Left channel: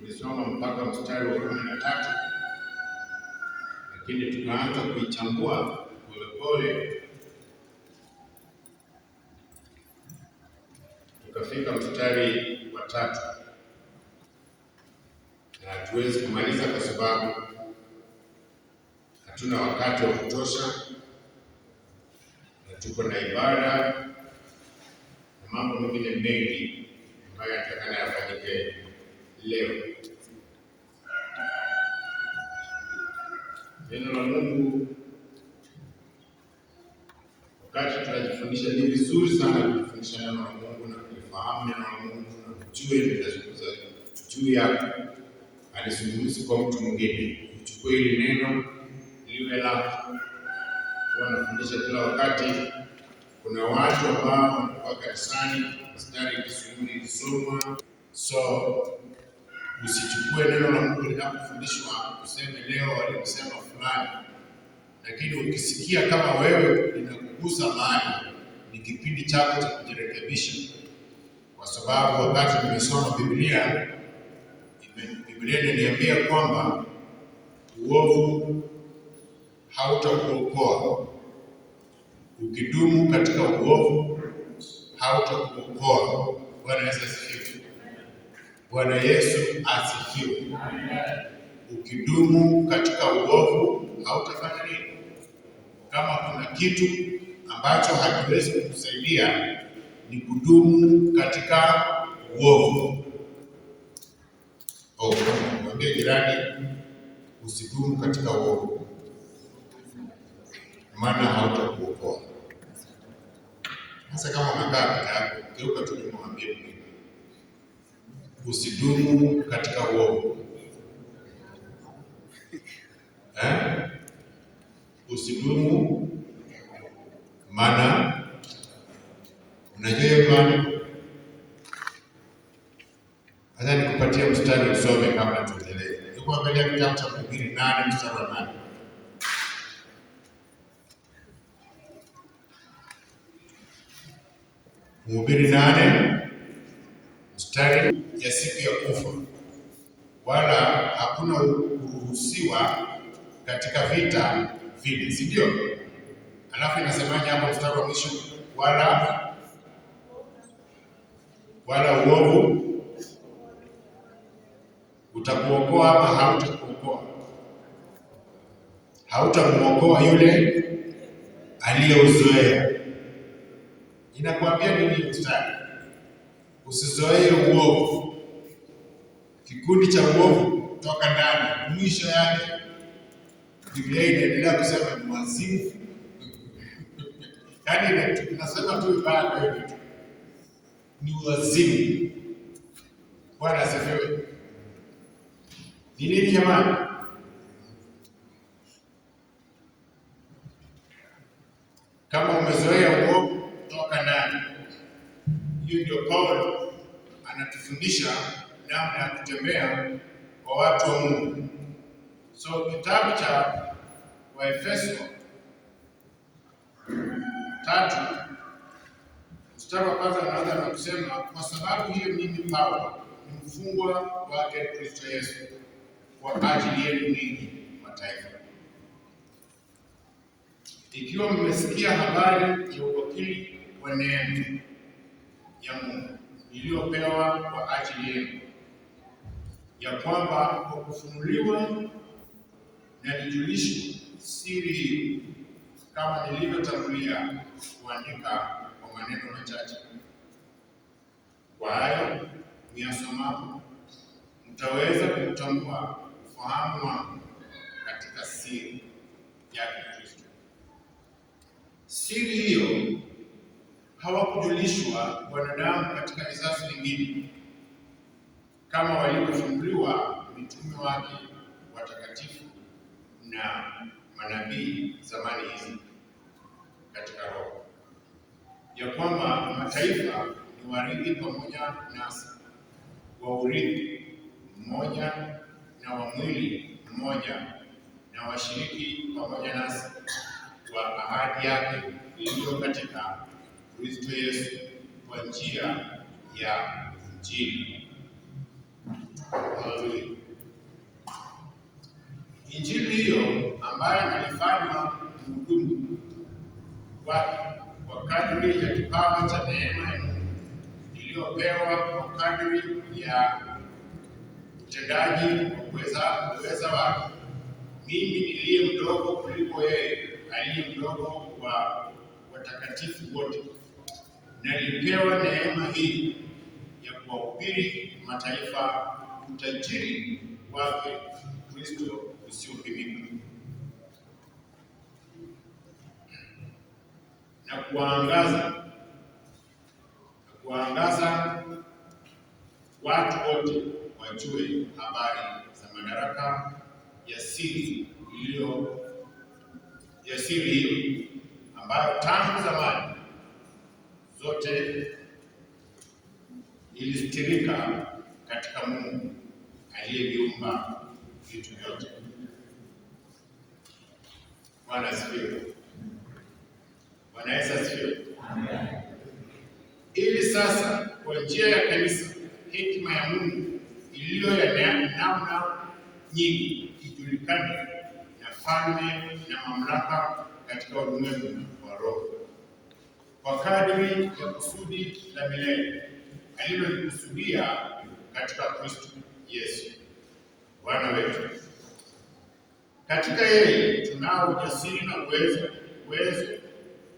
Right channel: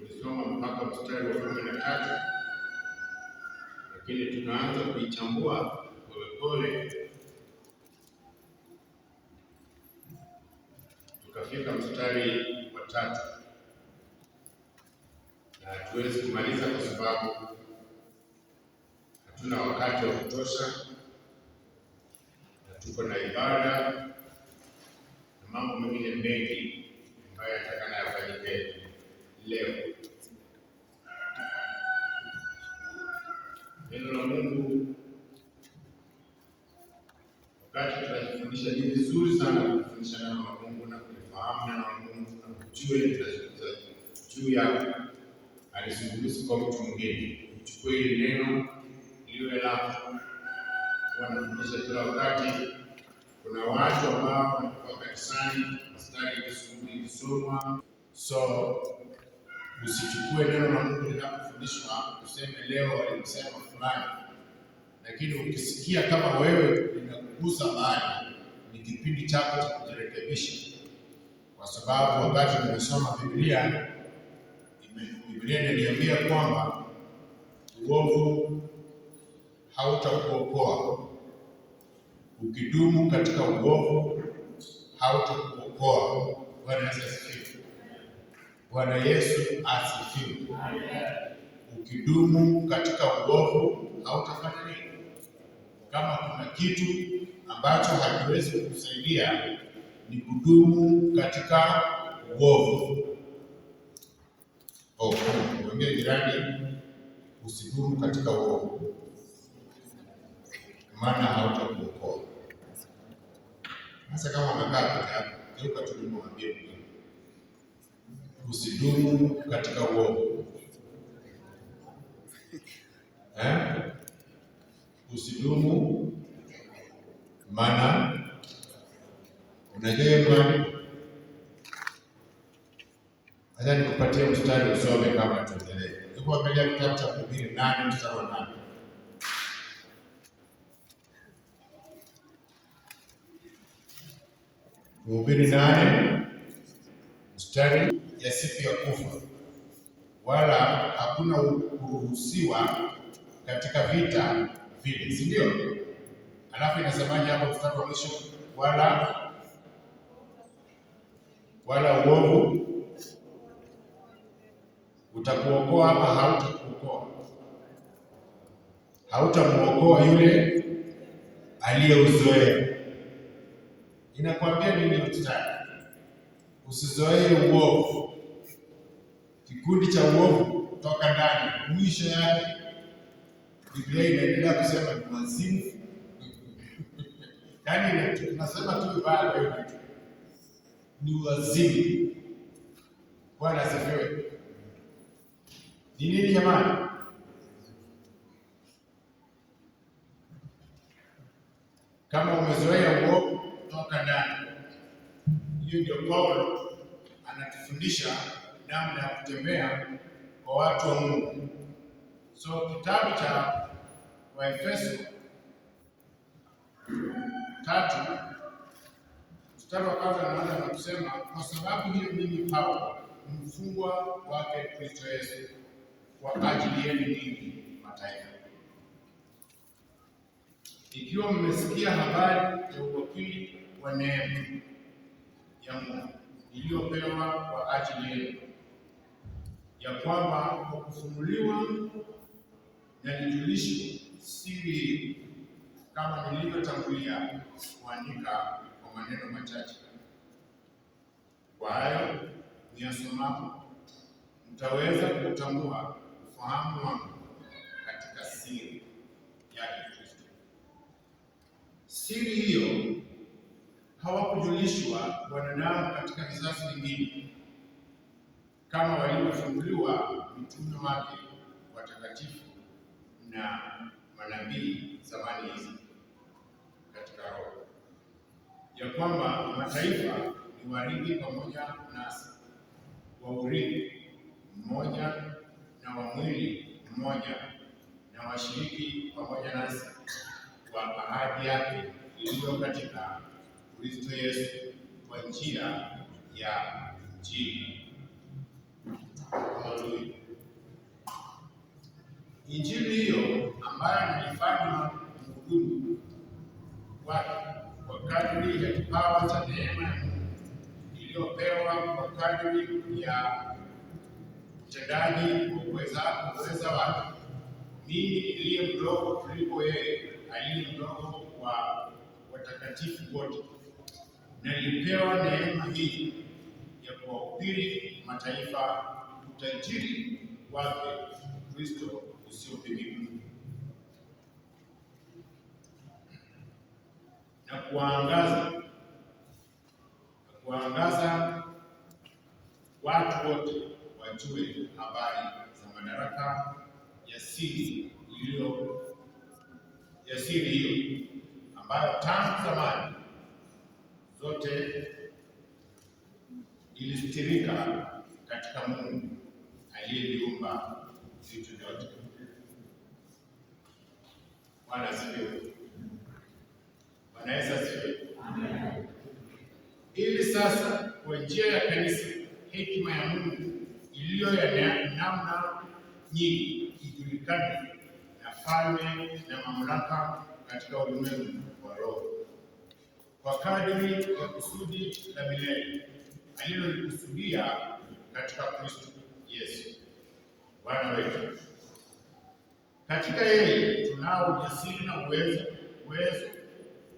tulisoma mpaka mstari wa 13, lakini tukaanza kuichambua polepole tukafika mstari wa 3, na hatuwezi kumaliza kwa sababu hatuna wakati wa kutosha, na tuko na ibada na mambo mengine mengi ambayo yatakana yafanyike leo. Neno la Mungu wakati tunajifundisha, ni vizuri sana kujifundisha neno la Mungu na kulifahamu neno la Mungu na kujua linazungumza juu yako. Alizungumza kwa mtu mwingine, uchukue hili neno liwe lako. Wanafundisha kila wakati. Kuna watu ambao wanakuwa kanisani mstari ikisubiri kusoma, so usichukue neno la Mungu linapofundishwa useme leo walisema fulani, lakini ukisikia kama wewe linakugusa mahali, ni kipindi chako cha kujirekebisha, kwa sababu wakati nimesoma Biblia inaniambia kwamba uovu hautakuokoa. Ukidumu katika uovu hautakuokoa. Bwana Yesu asifiwe. Bwana Yesu asifiwe. Ukidumu katika uovu hautafanya nini? Kama kuna kitu ambacho hakiwezi kukusaidia ni kudumu katika uovu. Mwambie jirani, usidumu katika uovu, maana hautakuokoa. Sasa kama unakaa peke yako, geuka tu nyuma, mwambie mwingine, usidumu katika uovu. Usidumu, maana unajua imani. Acha nikupatie mstari usome kabla tuendelee. Tuko mbele ya kitabu cha Mhubiri 8 mstari wa 8. Mhubiri 8 mstari ya siku ya kufa, wala hakuna kuruhusiwa katika vita vile, si ndio? Alafu inasemaje hapo mstari wa mwisho? Wala uovu utakuokoa ama hautakuokoa? Hautamuokoa yule aliyeuzoea. Inakwambia nini mstari? Usizoee uovu. Kikundi cha uovu toka ndani, mwisho yake Biblia inaendelea kusema ni wazimu. Yaani tunasema tu vibaya kwa hiyo ni wazimu. Bwana asifiwe. Ni nini jamani? Kama umezoea uovu toka ndani. Hiyo ndio Paulo anatufundisha namna ya kutembea kwa watu wa Mungu. So kitabu cha Waefeso 3 mstari wa kwanza anaanza na kusema, kwa sababu hiyo mimi Paulo ni mfungwa wake Kristo Yesu kwa ajili yenu ninyi mataifa, ikiwa mmesikia habari ya uwakili wa neema ya Mungu iliyopewa kwa ajili yenu, ya kwamba kwa kufunuliwa na nijulishwe siri hii, kama nilivyotangulia kuandika kwa maneno machache. Kwa hayo niyasomapo mtaweza kutambua ufahamu wangu katika siri yake Kristo. Siri hiyo hawakujulishwa wanadamu katika vizazi vingine, kama walivyofunuliwa mitume wake watakatifu na manabii zamani hizi katika Roho, ya kwamba mataifa ni warithi pamoja nasi wa urithi mmoja na wa mwili mmoja, na washiriki pamoja nasi wa ahadi yake iliyo katika Kristo Yesu kwa njia ya Injili. Haleluya. Injili hiyo ambayo nalifanywa mhudumu kwa kadri ya kipawa cha neema ya Mungu iliyopewa kwa kadri ya utendaji wa uweza wake. Mimi niliye mdogo kuliko yeye aliye mdogo wa watakatifu wote, nalipewa neema hii ya kuwahubiri mataifa utajiri wake Kristo usiopimika, na kuangaza watu wote wajue habari za madaraka ya siri hiyo ambayo tangu zamani zote ilistirika katika Mungu aliyeviumba vitu vyote. Bwana asifiwe. Bwana Yesu asifiwe. Amen. Ili sasa kwa njia ya kanisa hekima ya Mungu iliyo ya namna nyingi ijulikane na falme na mamlaka katika ulimwengu wa roho, kwa kadri ya kusudi la milele alilolikusudia katika Kristo Yesu Bwana wetu. Katika yeye tunao ujasiri na uwezo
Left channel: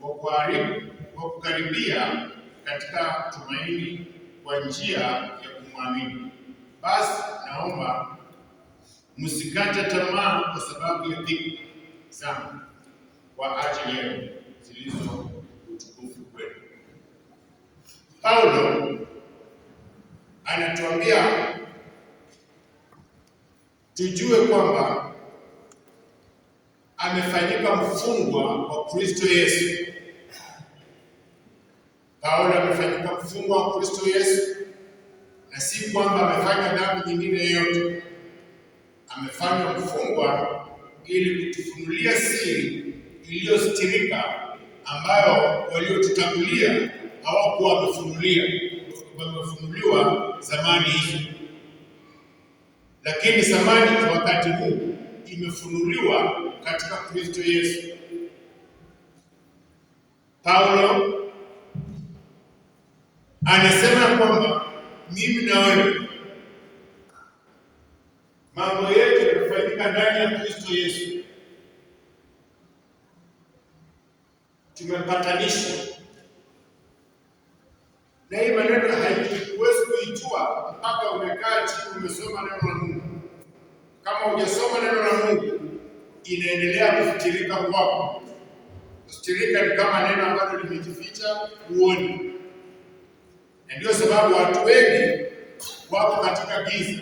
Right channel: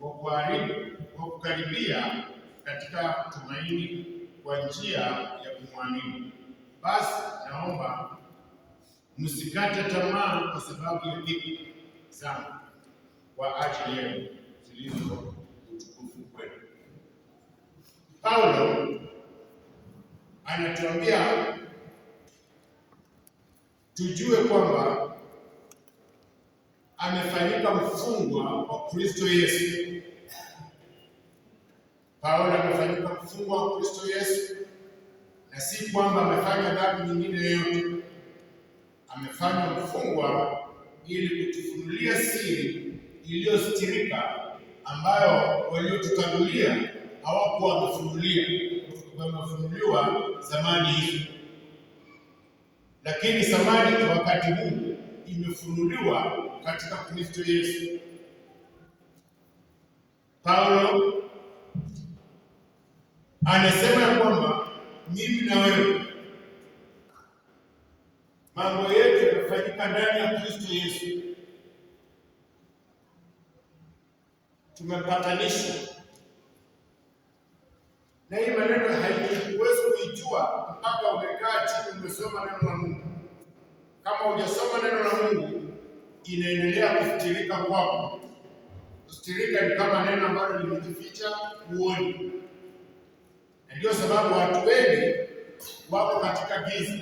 wa kukaribia katika tumaini kwa njia ya kumwamini. Basi naomba msikate tamaa kwa sababu ya dhiki zangu kwa ajili yenu zilizo utukufu kwenu. Paulo anatuambia tujue kwamba amefanyika mfungwa wa Kristo Yesu. Paulo amefanyika mfungwa wa Kristo Yesu, na si kwamba amefanya dhambi nyingine yoyote. Amefanywa mfungwa ili kutufunulia siri iliyostirika ambayo waliotutangulia hawakuwa wamefunuliwa zamani hizo, lakini zamani kwa wakati huu imefunuliwa katika Kristo Yesu. Paulo anasema kwamba mimi na wewe mambo yetu yanafanyika ndani ya Kristo Yesu. Tumepatanishwa, na hii maneno haiwezi kuijua mpaka umekaa chini umesoma neno la Mungu. Kama hujasoma neno la Mungu, inaendelea kufitirika kwako. Kufitirika ni kama neno ambalo limejificha huoni, na ndio sababu watu wengi wako katika giza,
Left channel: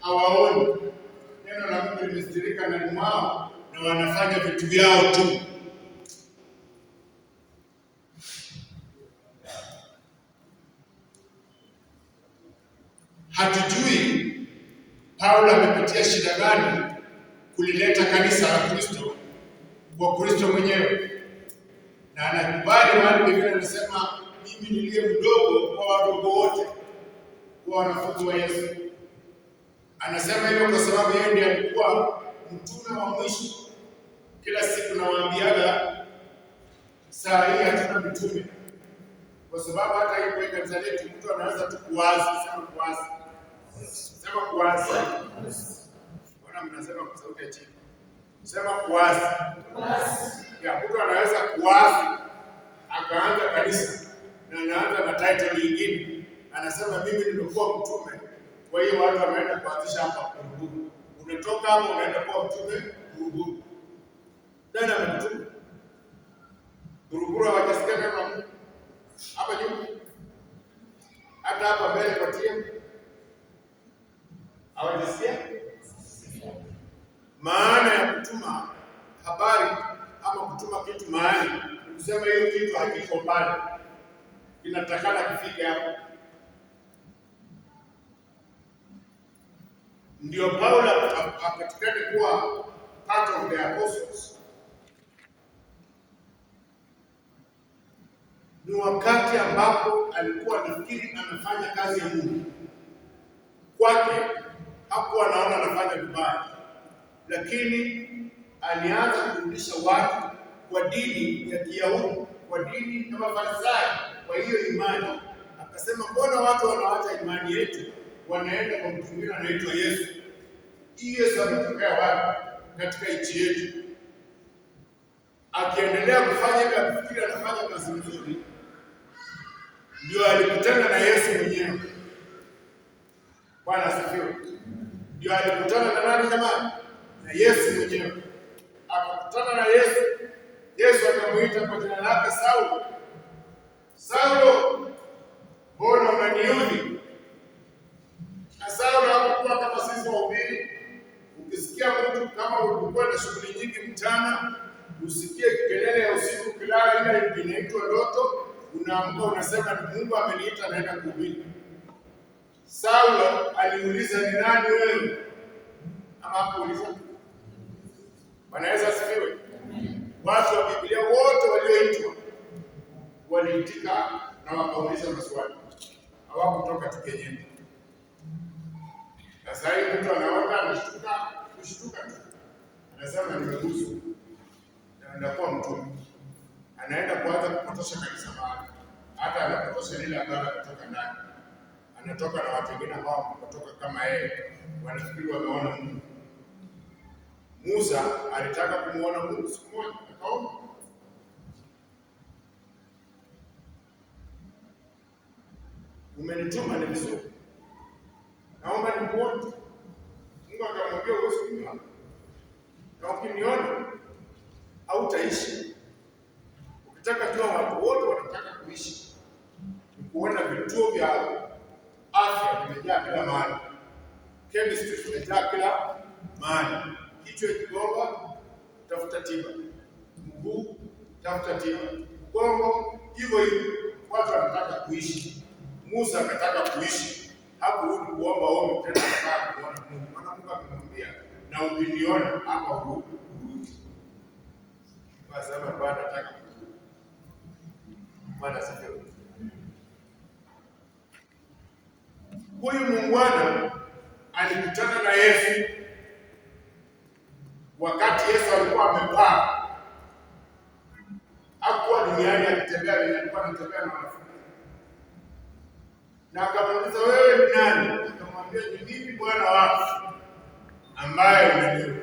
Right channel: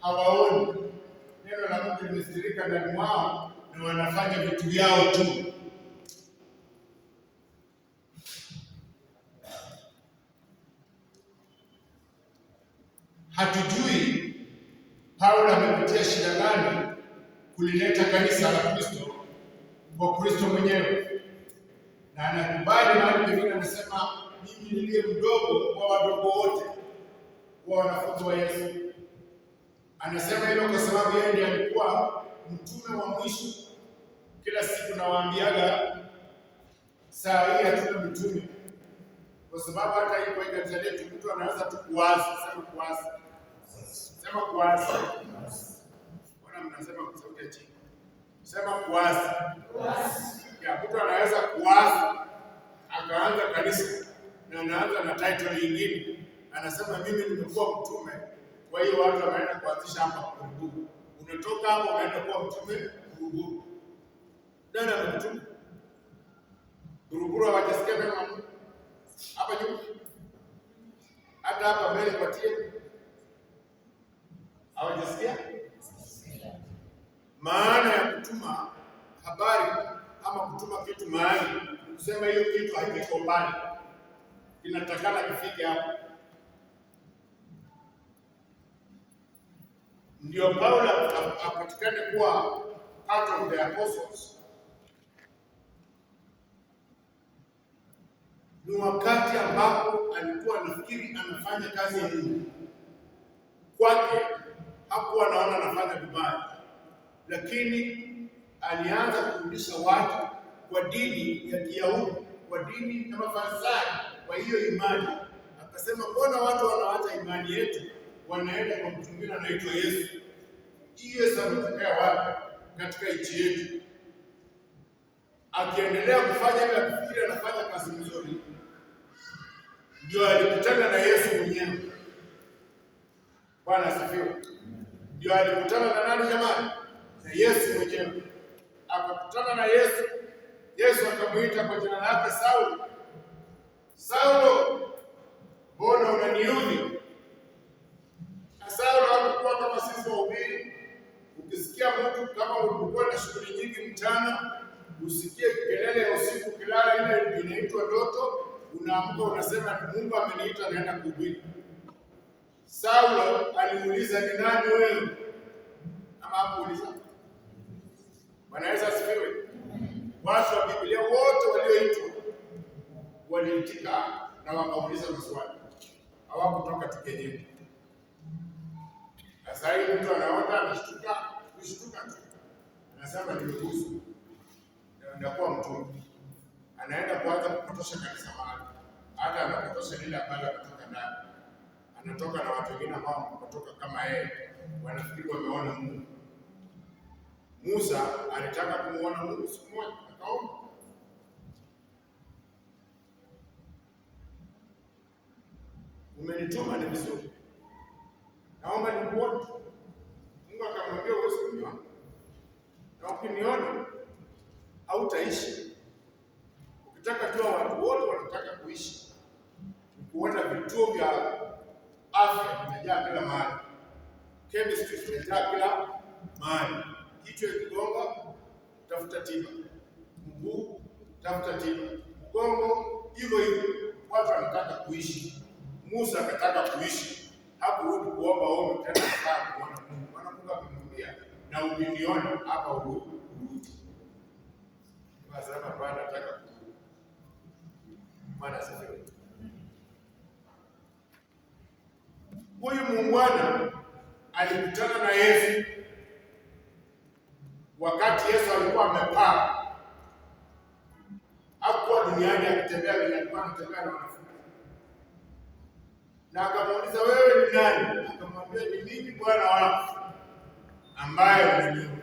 hawaoni. Neno la Mungu limestirika ndani mwao na wanafanya vitu vyao tu. Hatujui Paulo amepitia shida gani kulileta kanisa la Kristo kwa Kristo mwenyewe, na anakubali mahali pengine anasema mimi niliye mdogo kwa wadogo wote, kwa wanafunzi wa Yesu. Anasema hivyo kwa sababu yeye ndiye alikuwa mtume wa mwisho. Kila siku nawaambiaga saa hii hatuna mitume, kwa sababu hata hii kwa kanisa letu mtu anaweza tu kuwaza. Sema kuwaza. Mbona mnasema kwa sauti ya chini? Sema kuwaza. Ya mtu anaweza kuwaza akaanza kanisa na anaanza na title nyingine. Anasema mimi nimekuwa mtume. Kwa hiyo watu wameenda kuanzisha hapa Buruburu. Unatoka hapo unaenda kuwa mtume Buruburu. Nani amemtuma? Buruburu hawajasikia neno la Mungu. Hapa juu. Hata hapa mbele kwa tia. Hawajasikia? Maana ya kutuma habari ama kutuma kitu mahali, kusema hiyo kitu hakiko pale, inatakana kifike hapo. Ndio Paulo apatikane kuwa part of the apostles. Ni wakati ambapo alikuwa anafikiri anafanya kazi ya Mungu. Kwake hakuwa anaona anafanya vibaya. lakini alianza kurudisha watu kwa dini ya Kiyahudi, kwa dini ya Mafarisayo, kwa hiyo imani. Akasema, mbona watu wanaacha imani yetu wanaenda kwa mtu mwingine anaitwa Yesu? Hiyo sababu wapi katika nchi yetu? Akiendelea kufanya kafikiri anafanya kazi nzuri, ndio alikutana na Yesu mwenyewe. Bwana asifiwe. Ndio alikutana na nani jamani? Na Yesu mwenyewe. Akakutana na Yesu. Yesu akamuita kwa jina lake Saulo. Saulo, mbona unaniudhi? Na Saulo hakuwa kama sisi wahubiri. Ukisikia mtu kama ulikuwa na shughuli nyingi mchana, usikie kelele ya usiku, kilala ile inaitwa ndoto, unaamka unasema ni Mungu ameniita naenda kuhubiri. Saulo aliuliza, ni nani wewe? Ama hakuuliza? Bwana Yesu asifiwe. Watu wa Biblia wote walioitwa waliitika na wakauliza maswali, hawakutoka tukenyeni. Sasa hivi mtu anaota kushtuka tu, anasema nimeguswa, anakuwa mtume, anaenda kuanza kupotosha kanisa mahali, hata anapotosha lile ambalo kutoka ndani, anatoka na watu wengine ambao kutoka kama yeye, wanafikiri wameona Mungu. Musa alitaka kumuona Mungu siku moja, akaomba. Umenituma ni vizuri, naomba nikuone. Mungu akamwambia, huwezi kuniona, na ukiniona hautaishi. Ukitaka jua watu wote wanataka kuishi, ni kuona vituo vya afya vimejaa kila mahali, chemistry vimejaa kila mahali. Kichwa kigonga, tafuta tiba. Mguu, tafuta tiba. Gongo, hivyo hivyo. Watu wanataka kuishi. Musa akataka kuishi, hakurudi kuomba ombi tena, akakaa kuona Mungu. Maana Mungu akamwambia, na ukiniona hapa urudi. Kwa sababu Bwana anataka kurudi. Bwana asifiwe. Huyu muungwana alikutana na Yesu wakati Yesu alikuwa amepaa. Hakuwa duniani akitembea, alikuwa anatembea na wanafunzi. Na akamuuliza, wewe ni nani? Akamwambia, ni mimi Bwana wako ambaye unajua.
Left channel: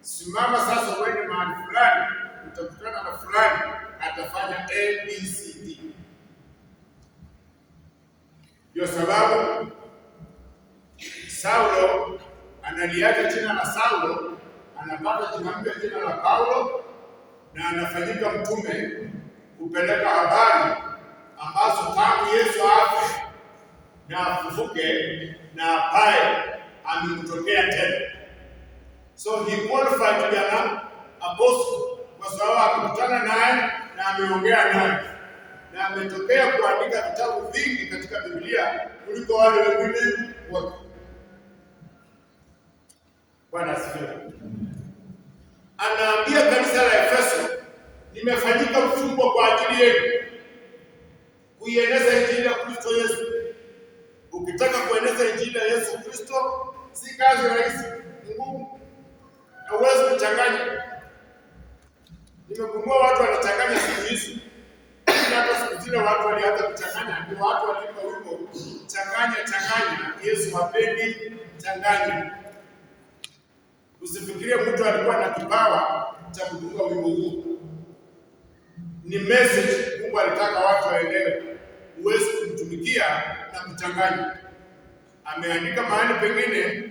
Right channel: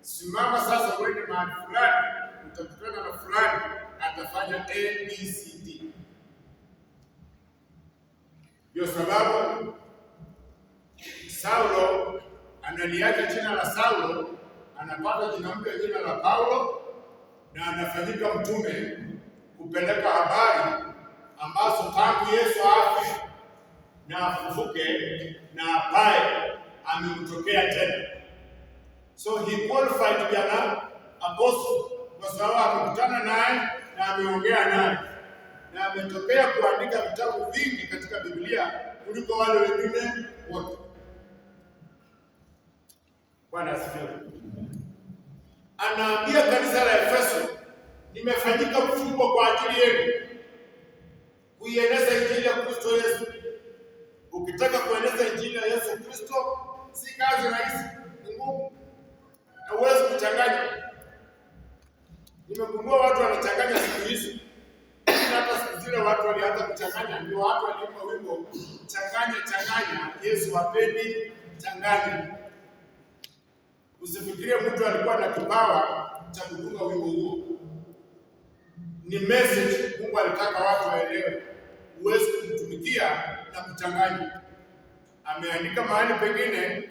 Simama sasa uende mahali fulani, utakutana na fulani atafanya ABCD. Ndio sababu Saulo analiacha jina la Saulo, anapata jina mpya, jina la Paulo, na anafanyika mtume kupeleka habari ambazo tangu Yesu afe na afufuke na apae amemtokea tena. So he qualified to be an apostle kwa sababu akikutana naye na ameongea naye na ametokea kuandika vitabu vingi katika Biblia kuliko wale wengine wote. Bwana asifiwe. Anaambia kanisa la Efeso, nimefanyika mfungwa kwa ajili yenu kuieneza injili ya Kristo Yesu. Ukitaka kueneza injili ya Yesu Kristo, si kazi rahisi, ni ngumu. Hauwezi kuchanganya. Nimegundua watu wanachanganya siku hizi. Hata siku zile watu walianza kuchanganya, ndio watu waliimba wimbo changanya, Yesu hapendi changanya. Usifikirie mtu alikuwa na kipawa cha kutunga wimbo huo. Ni message Mungu alitaka watu waelewe. Huwezi kumtumikia na kuchanganya. Ameandika mahali pengine,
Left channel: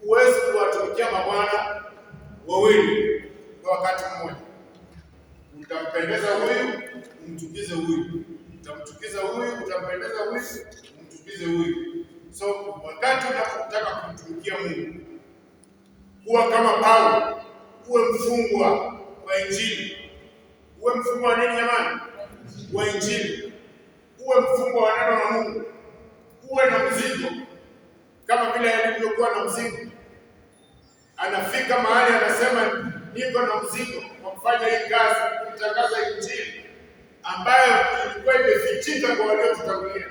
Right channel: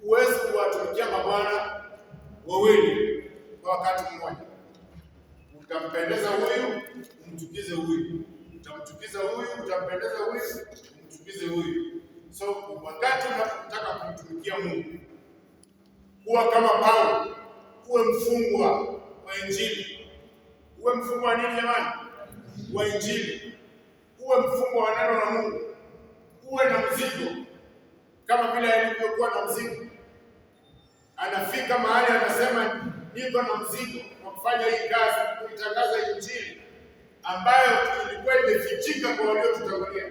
huwezi kuwatumikia mabwana wawili kwa wakati mmoja. Utampendeza huyu, umchukize huyu. Utamchukiza huyu, utampendeza huyu, umchukize huyu. So wakati unapotaka kumtumikia Mungu, kuwa kama Paulo, uwe mfungwa wa Injili. Uwe mfungwa wa nini jamani? Wa Injili. Uwe mfungwa wa neno la Mungu. Uwe na mzigo kama vile alivyokuwa na mzigo. Anafika mahali anasema, niko na mzigo wa kufanya hii kazi, kutangaza Injili ambayo ilikuwa imefichika kwa waliotutangulia.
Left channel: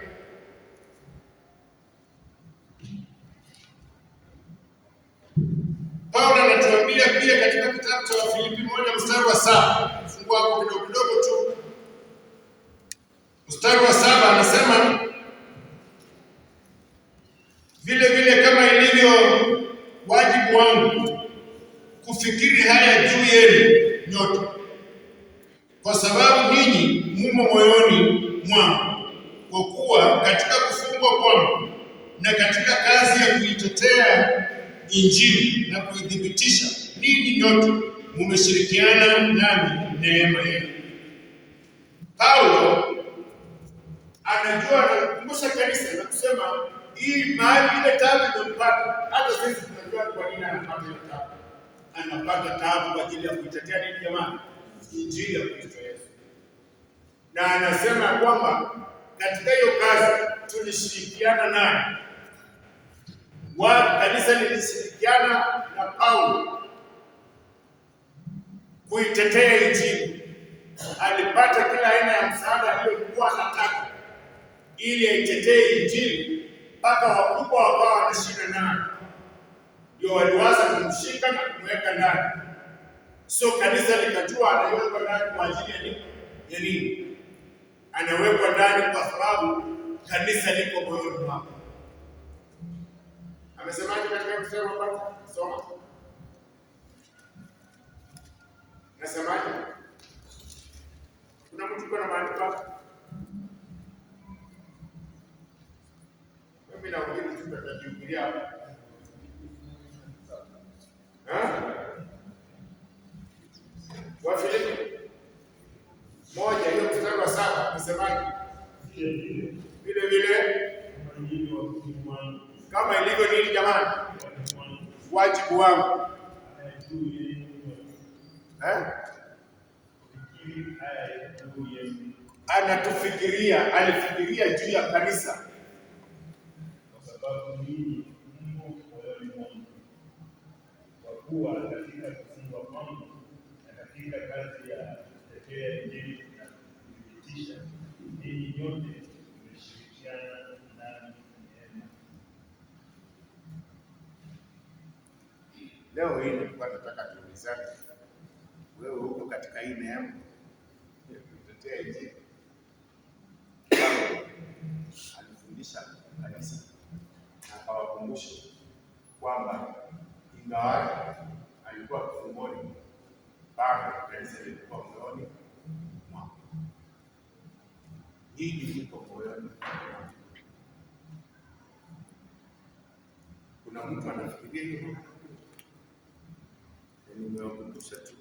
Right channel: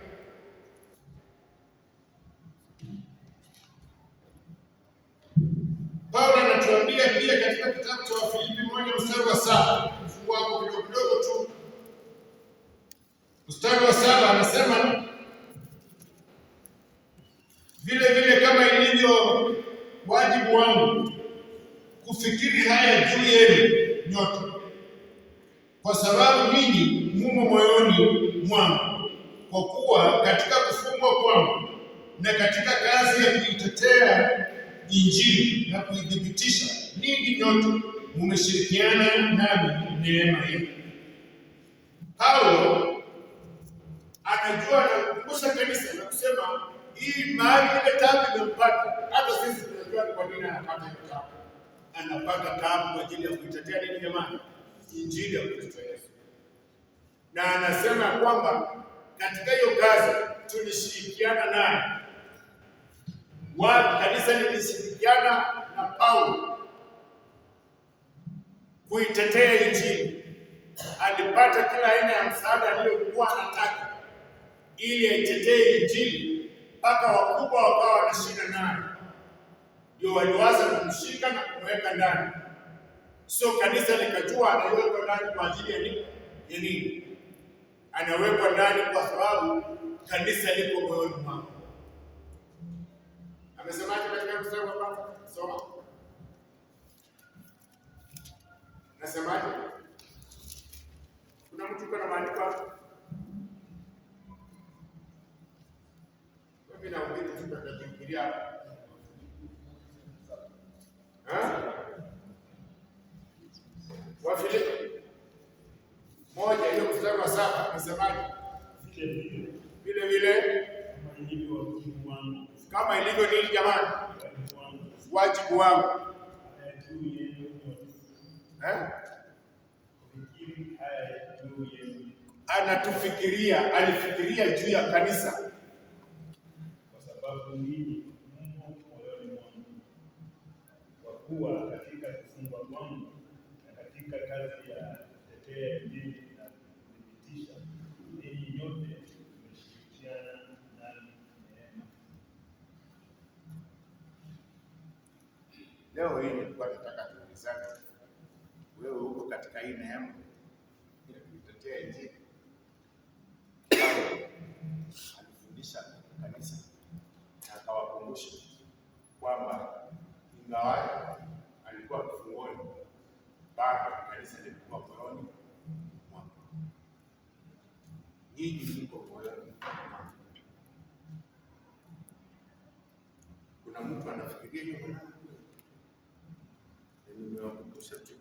Paulo Biblia pia katika kitabu cha Wafilipi 1:7, fungua hapo kidogo kidogo tu. Mstari wa 7 anasema vile vile kama ilivyo wajibu wangu kufikiri haya juu yenu nyote, kwa sababu ninyi mumo moyoni mwangu, kwa kuwa katika kufungwa kwangu na katika kazi ya kuitetea Injili na kuidhibitisha, ninyi nyote mumeshirikiana nami neema hii. Paulo anajua, anakumbusha kanisa na kusema hii mahali ile taabu imempata. Hata sisi tunajua kwa nini anapata ile taabu. Anapata taabu kwa ajili ya kuitetea nini jamani? Injili ya Kristo Yesu. Na anasema kwamba katika hiyo kazi tulishirikiana naye. Kanisa lilishirikiana na Paulo kuitetea Injili. Alipata kila aina ya msaada aliyokuwa anataka ili aitetee Injili, mpaka wakubwa wakawa wanashika naye, ndio waliwaza kumshika na kumweka ndani. So kanisa likajua anawekwa ndani kwa ajili ya nini? Anawekwa ndani kwa sababu kanisa liko moyoni mwake. Amesemaje katika mstari wa kwanza? Soma. Nasemaje? Kuna mtu kuna maandiko hapo? Mimi naomba tutakimbilia hapo. Wafilipi 1 hiyo mstari wa 7 amesemaje? Vile vile kama ilivyo nini jamani? Wajibu wangu. Anatufikiria, alifikiria juu ya kanisa. Kwa sababu ninyi mmo moyoni mwangu, kwa kuwa katika kufungwa kwangu na katika kazi ya kutetea Injili na kudhibitisha, ninyi nyote mmeshirikiana nami neema. Leo hii nilikuwa nataka tuulizane, wewe uko katika hii neema ya kutetea Injili? Alifundisha kanisa na akawakumbusha kwamba ingawa alikuwa kifungoni, bado kanisa lilikuwa moyoni mwake. Nyinyi mko moyoni mwake. Kuna mtu anafikiria hivyo? Nimewakumbusha tu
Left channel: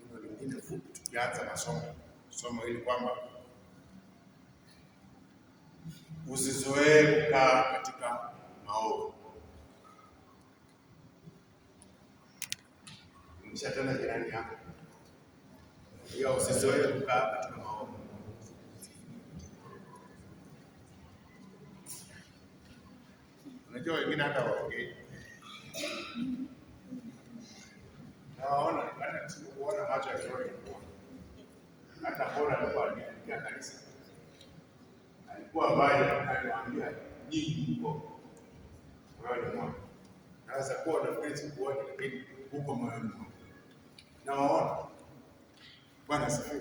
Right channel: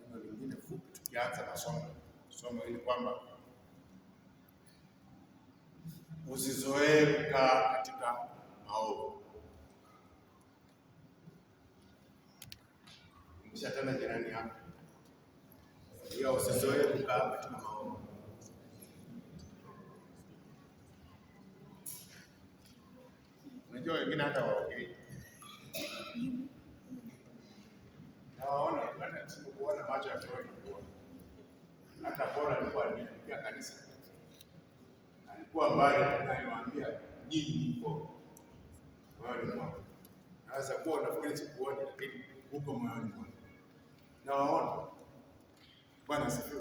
neno lingine fupi tukianza somo hili kwamba usizoee kukaa katika maovu. Tena jirani yako, hiyo usizoee kukaa katika maovu. Unajua wengine hata waongei, nawaona hata kuona macho ya roho ilikuwa hata bora alikuwa anafikia kanisa, alikuwa mbali, aliwaambia nyinyi mko moyoni mwangu. Sasa kwa nafikiri sikuona, lakini huko moyoni mwangu nawaona. Bwana asifiwe.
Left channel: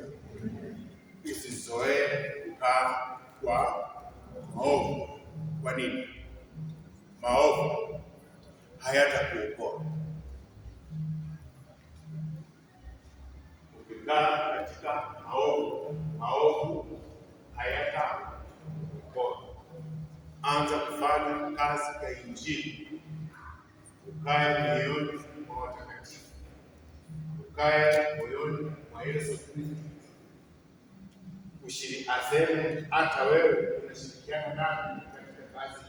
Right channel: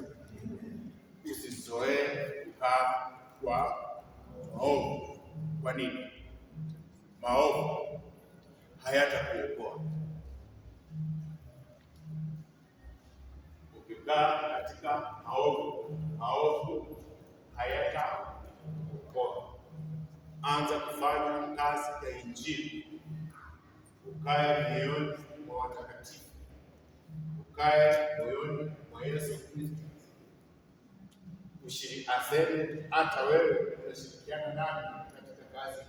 Usizoee kukaa kwa maovu. Kwa nini? Maovu hayatakuokoa. Ukikaa katika maovu hayatakuokoa. Anza kufanya kazi ya Injili, ukae moyoni mwa watakatifu, ukae moyoni mwa Yesu Kristo. Aseme hata wewe unashirikiana nami katika kazi.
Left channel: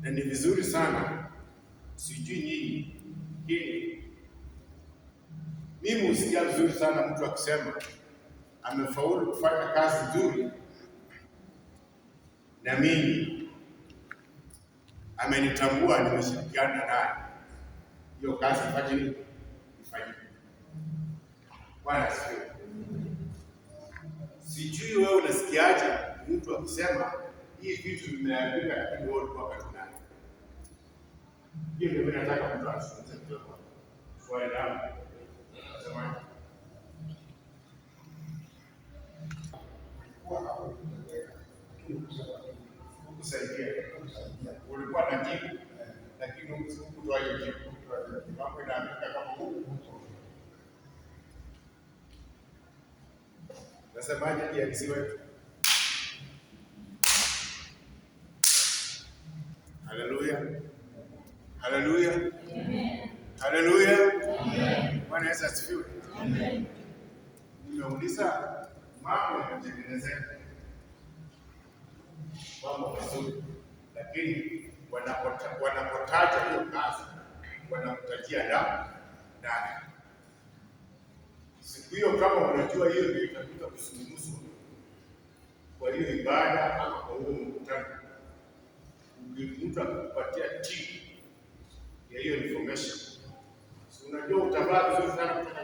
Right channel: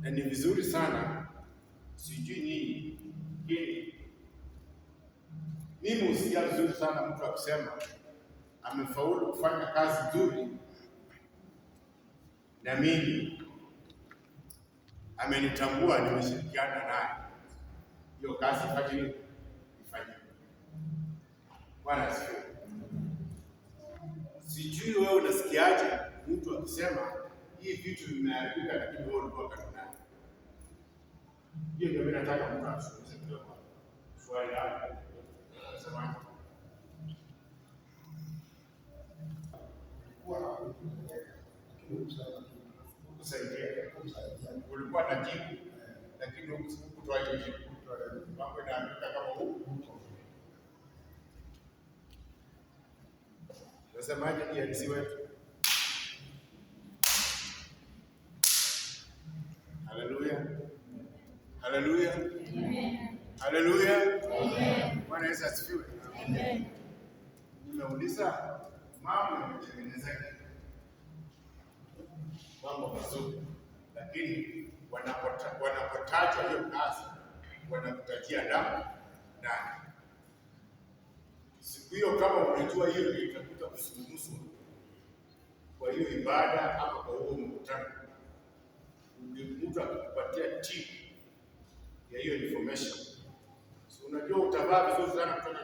Na ni vizuri sana, sijui nyinyi, hili mimi husikia vizuri sana mtu akisema amefaulu kufanya kazi nzuri na mimi amenitambua, nimeshirikiana naye, hiyo kazi ifanye nini? Ifanye. Bwana asifiwe. Sijui wewe unasikiaje mtu akisema hii vitu vimeharibika, lakini wewe ulikuwa karibu naye. Hiyo ndio mimi nataka mtu azungumze kidogo. Swali langu nasema kusaidia ulikuwa na jibu, lakini hukutoa hiyo jibu. Mambo inaandika kama huku. Nasemaje jinsi wetu? Haleluya. Haleluya. Haleluya. Bwana Yesu asifiwe. Amen. Nimeuliza mambo yanatengenezeka. Mambo mazuri. Lakini wanapotaja hiyo kazi wanakutajia damu. Siku hiyo kama unajua hiyo ndio itakuta kusuluhusu kwa hiyo ibada ama kwa huo mkutano. Mtu akupatia tip ya hiyo information. So unajua utavaa vizuri sana kutoka